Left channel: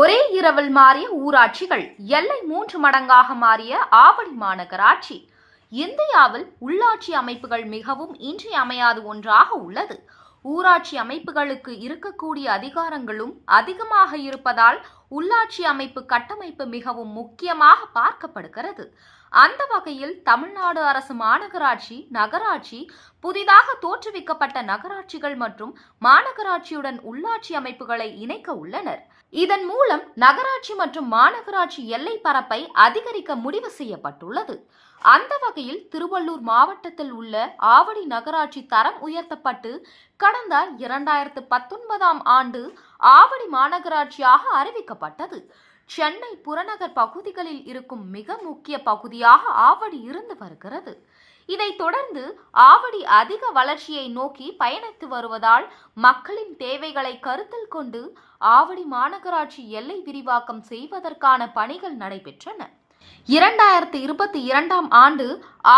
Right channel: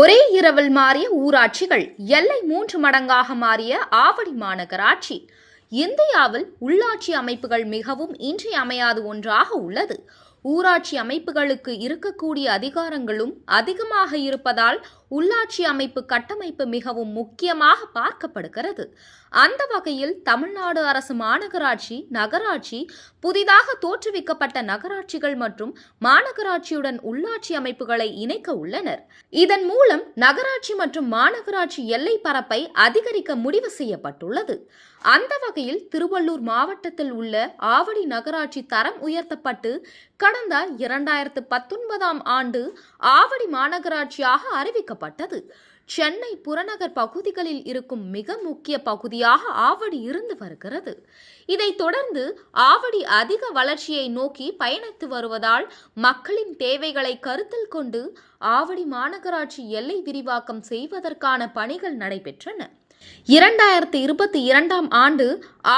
ஒரே இரவில் மாறிய ஊராட்சிகள், எல்லை 3 மடங்காக மாறிய ஆவடி மாநகராட்சி. இந்தியாவில் உள்ளாட்சி அமைப்புகள் மிகவும் இன்றியமையாத ஒன்றாக உள்ளது. ஊராட்சி அமைப்புகளுக்கு இருக்கக்கூடிய அதிகாரங்களும் அதிகமாக இருப்பதால் உள்ளாட்சி அமைப்பு கட்டமைப்பு மிகவும் முக்கியமாக பார்க்கப்படுகிறது. அந்த வகையில் தமிழ்நாடு அரசு மாநகராட்சி, நகராட்சி, புதிதாக தோற்றுவிக்கப்பட்ட நகராட்சிகள் மற்றும் மாநகராட்சியுடன் உள்ளாட்சி அமைப்புகளை இணைக்க உள்ளனர். இதன் மூலம் நகராட்சி மற்றும் மாநகராட்சி எல்லை பரப்பை அதிகரிக்க முடிவு செய்யப்பட்டுள்ளது. அந்த வகையில் திருவள்ளூர் மாவட்டத்தில் உள்ள ஆவடி நகராட்சி தரம் உயர்த்தப்பட்டு கடந்த 2019ஆம் ஆண்டு ஆவடி மாநகராட்சியாக அறிவிக்கப்பட்டது. சென்னை புறநகர் பகுதிகளில் இருக்கும் மிக முக்கிய பகுதியாக ஆவடி இருந்து வருகிறது. இதைத் தொடர்ந்து ஆவடி அதிக வளர்ச்சியை நோக்கி பயணித்து வருவதால் மக்களின் தேவைகளை கருத்தில் கொண்டு ஆவடி மாநகராட்சி எல்லை விரிவாக்கம் செய்வதற்கான பணிகள் நடைபெற்றன. 2022ஆம் ஆண்டு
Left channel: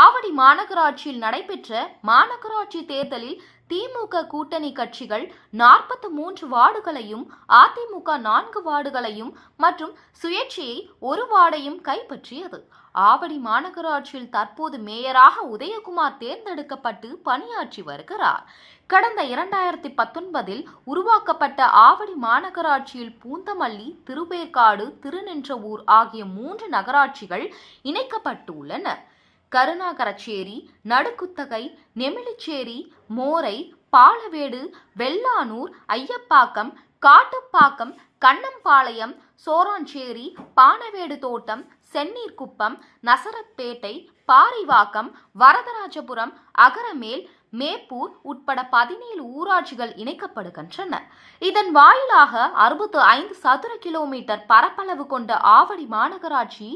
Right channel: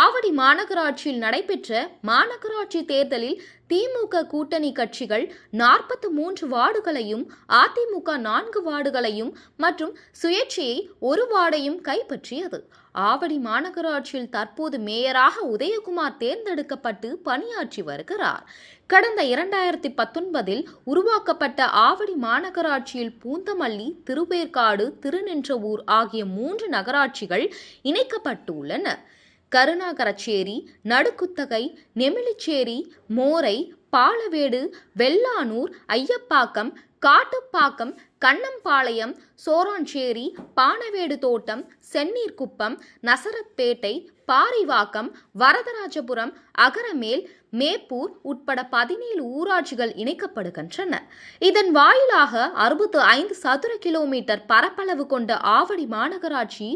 ஆவடி மாநகராட்சியில் நடைபெற்ற மாநகராட்சி தேர்தலில் திமுக கூட்டணி கட்சிகள் 43 வார்டுகளையும், அதிமுக 4 வார்டுகளையும் மற்றும் சுயேட்சையை 1 வார்டையும் கைப்பற்றியது. ஆவடி மாநகராட்சியில் தற்போது மேயராக உதயகுமார் தேர்ந்தெடுக்கப்பட்டு பணியாற்றி வருகிறார். கடந்த 2019இல் உருவாக்கப்பட்ட ஆவடி மாநகராட்சியில் பூந்தமல்லி, திருவேற்காடு, திருநின்றவூர் ஆகிய 3 நகராட்சிகள் இணைக்கப்பட்டு உள்ளன. கருணாகரச்சேரி, நடுக்குத்தகை, நெமிலிச்சேரி, மோரை, பாலவேடு, வெள்ளானூர், ஐயப்பாக்கம், காட்டுப்பாக்கம், கண்ணம்பாளையம், சோராஞ்சேரி, பானவேடு தோட்டம், சென்னீர்குப்பம், நசரத்பேட்டை, பாரிவாக்கம், வரதராஜபுரம், அகரமேல், மேப்பூர் உட்பட 17 ஊராட்சிகள் இணைக்கப்படுகின்றன. இதன் வாயிலாக 65 சதுர கிலோமீட்டர் பரப்பளவு கொண்ட ஆவடி மாநகராட்சி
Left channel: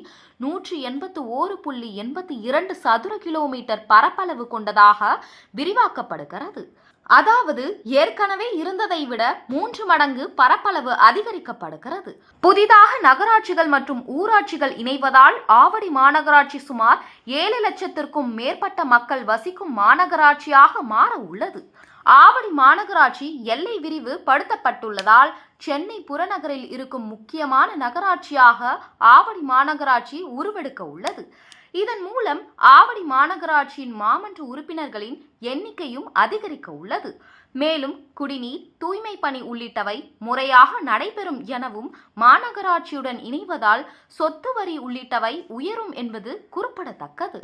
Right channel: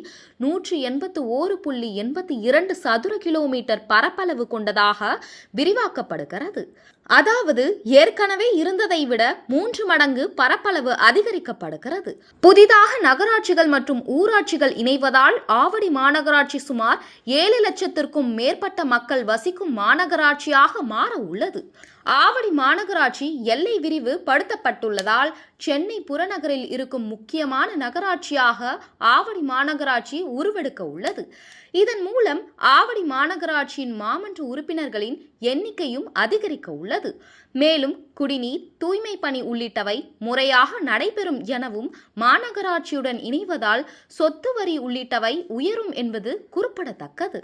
181.82 சதுர கிலோமீட்டர் பரப்பளவு கொண்டதாக விரிவாக்கப்படுகிறது. அதாவது ஏற்கனவே இருந்ததை விட 3 மடங்கு பரப்பளவு அதிகரிக்கப்படுகிறது. புதிதாக நகராட்சிகள் மற்றும் ஊராட்சிகள் இணைவதால் ஆவடி மாநகராட்சி சுமார் 7 லட்சத்திற்கும் மேற்பட்ட மக்கள் வசிக்கும் மாநகராட்சியாக மாற உள்ளது. ஆவடி மாநகராட்சி எல்லை விரிவு படுத்தப்பட்டுள்ளதால் சென்னை புறநகரில் இருக்கும் முக்கியமான நகராட்சியாக ஆவடி மாநகராட்சி உருவெடுக்க உள்ளது. இதன் மூலம் ஆவடி மாநகராட்சியின் மாமன்ற உறுப்பினர்களின் எண்ணிக்கையும் அதிகரிக்க உள்ளது. மேலும் குடிநீர், தூய்மை பணி உள்ளிட்டவை முறையாக நடைபெறும் எனவும், மாநகராட்சியுடன் இணைவதால் சொத்து வரி உள்ளிட்டவை உயரும் என்பது குறிப்பிடத்தக்கது.